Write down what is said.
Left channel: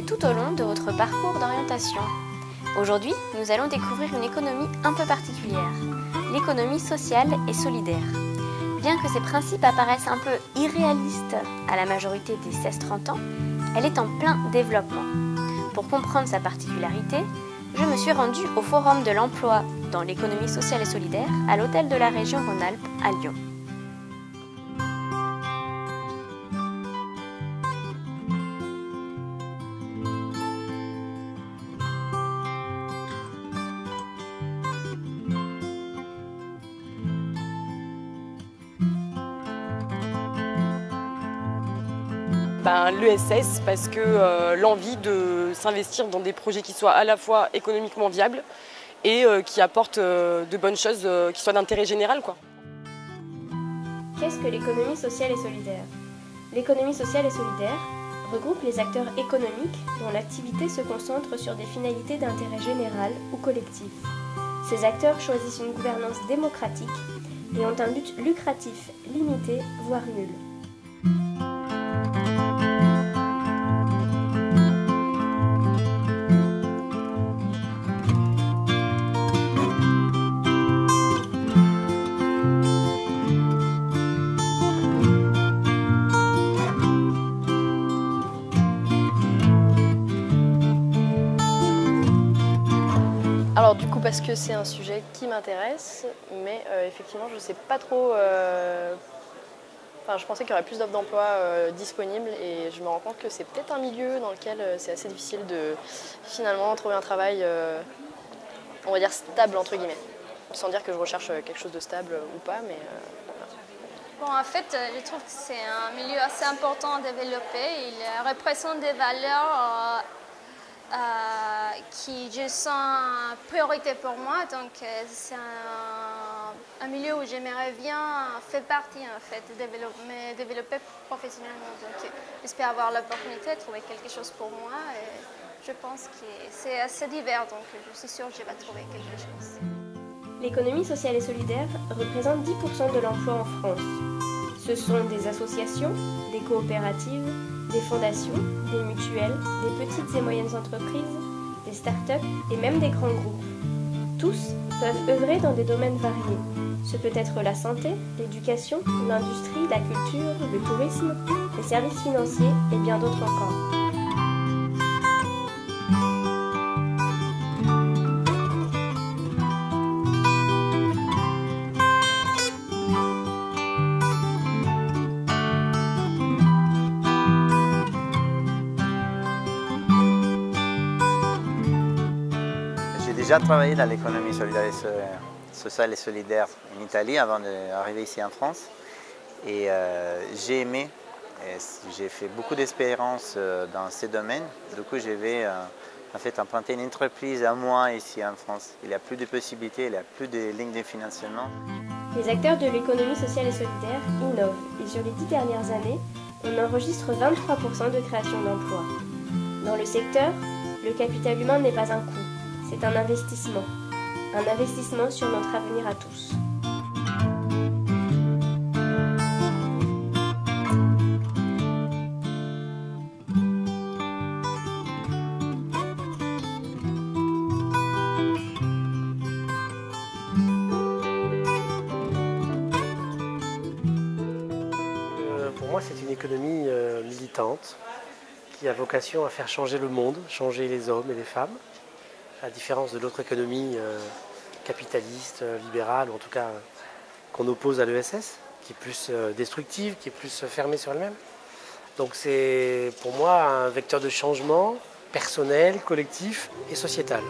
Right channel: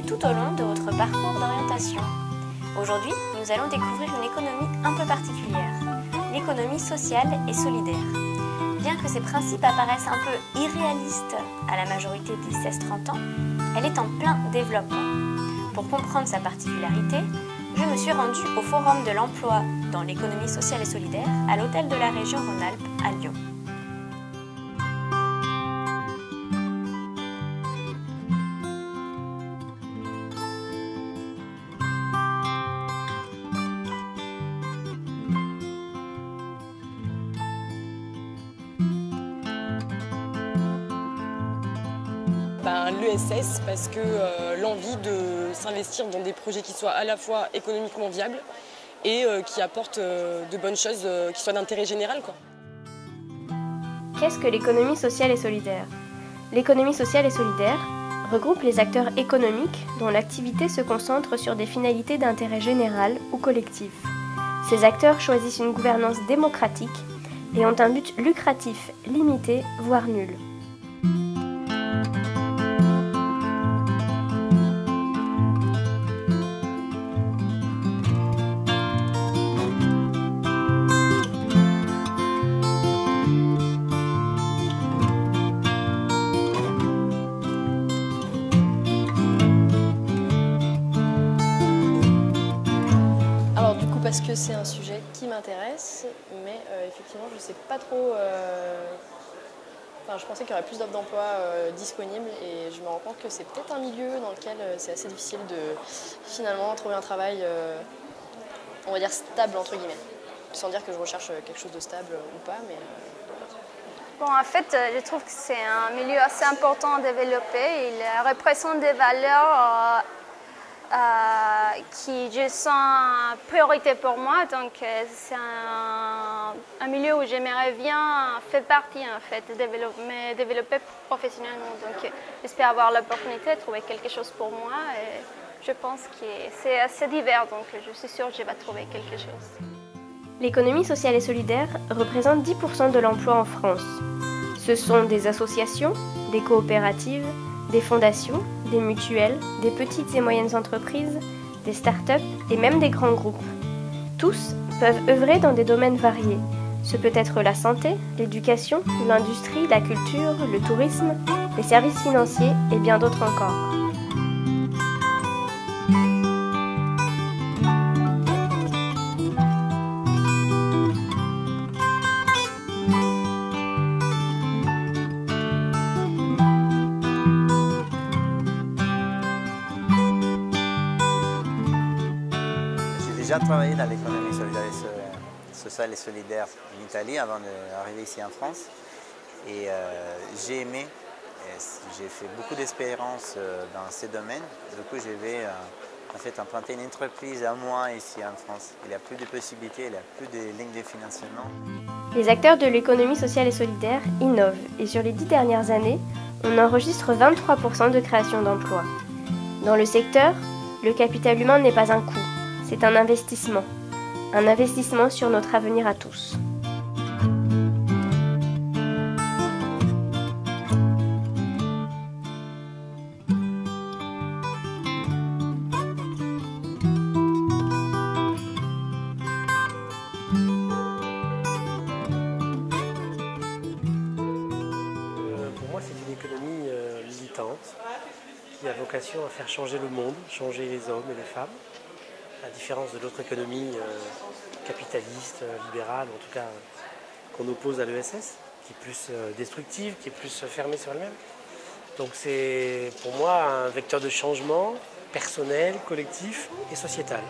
retrouver tout au long de votre parcours d'orientation. Aujourd'hui, nous allons découvrir une économie un peu particulière, l'économie sociale et solidaire. Bien que ses principes apparaissent un peu irréalistes à la majorité des 16-30 ans, elle est en plein développement. Pour comprendre sa particularité, je me suis rendue au Forum de l'emploi dans l'économie sociale et solidaire à l'hôtel de la région Rhône-Alpes à Lyon. L'ESS parce que l'envie de s'investir dans des projets qui soient à la fois économiquement viables et qui apportent de bonnes choses qui soient d'intérêt général, quoi. Qu'est-ce que l'économie sociale et solidaire? L'économie sociale et solidaire regroupe les acteurs économiques dont l'activité se concentre sur des finalités d'intérêt général ou collectif. Ces acteurs choisissent une gouvernance démocratique et ont un but lucratif limité, voire nul. Alors du coup parce que c'est un sujet qui m'intéresse, mais effectivement je ne sais pas trop, je pensais qu'il y aurait plus d'offres d'emploi disponibles et je me rends compte que c'est peut-être un milieu dans lequel c'est assez difficile de finalement trouver un travail, on va dire stable entre guillemets, sans dire que je recherche quelque chose de stable ou pas, mais Bon, en fait, je trouve que c'est un milieu assez important à développer. Il représente des valeurs qui je sens priorité pour moi, donc c'est un milieu où j'aimerais bien faire partie en fait, développer professionnellement. Donc j'espère avoir l'opportunité de trouver quelque chose pour moi et je pense que c'est assez divers, donc je suis sûre que je vais trouver quelque chose. L'économie sociale et solidaire représente 10% de l'emploi en France. Ce sont des associations, des coopératives, des fondations, des mutuelles, des petites et moyennes entreprises, des start-up et même des grands groupes. Tous peuvent œuvrer dans des domaines variés. Ce peut être la santé, l'éducation, l'industrie, la culture, le tourisme, les services financiers et bien d'autres encore. J'ai déjà travaillé dans l'économie sociale et solidaire en Italie avant d'arriver ici en France. Et j'ai aimé, j'ai fait beaucoup d'expériences dans ces domaines. Du coup, je vais en fait implanter une entreprise à moi ici en France. Il n'y a plus de possibilités, il n'y a plus de lignes de financement. Les acteurs de l'économie sociale et solidaire innovent et sur les 10 dernières années, on enregistre 23% de création d'emplois. Dans le secteur, le capital humain n'est pas un coût. C'est un investissement sur notre avenir à tous. Pour moi, c'est une économie militante qui a vocation à faire changer le monde, changer les hommes et les femmes. À la différence de l'autre économie capitaliste, libérale, ou en tout cas qu'on oppose à l'ESS, qui est plus destructive, qui est plus fermée sur elle-même. Donc c'est pour moi un vecteur de changement personnel, collectif et sociétal.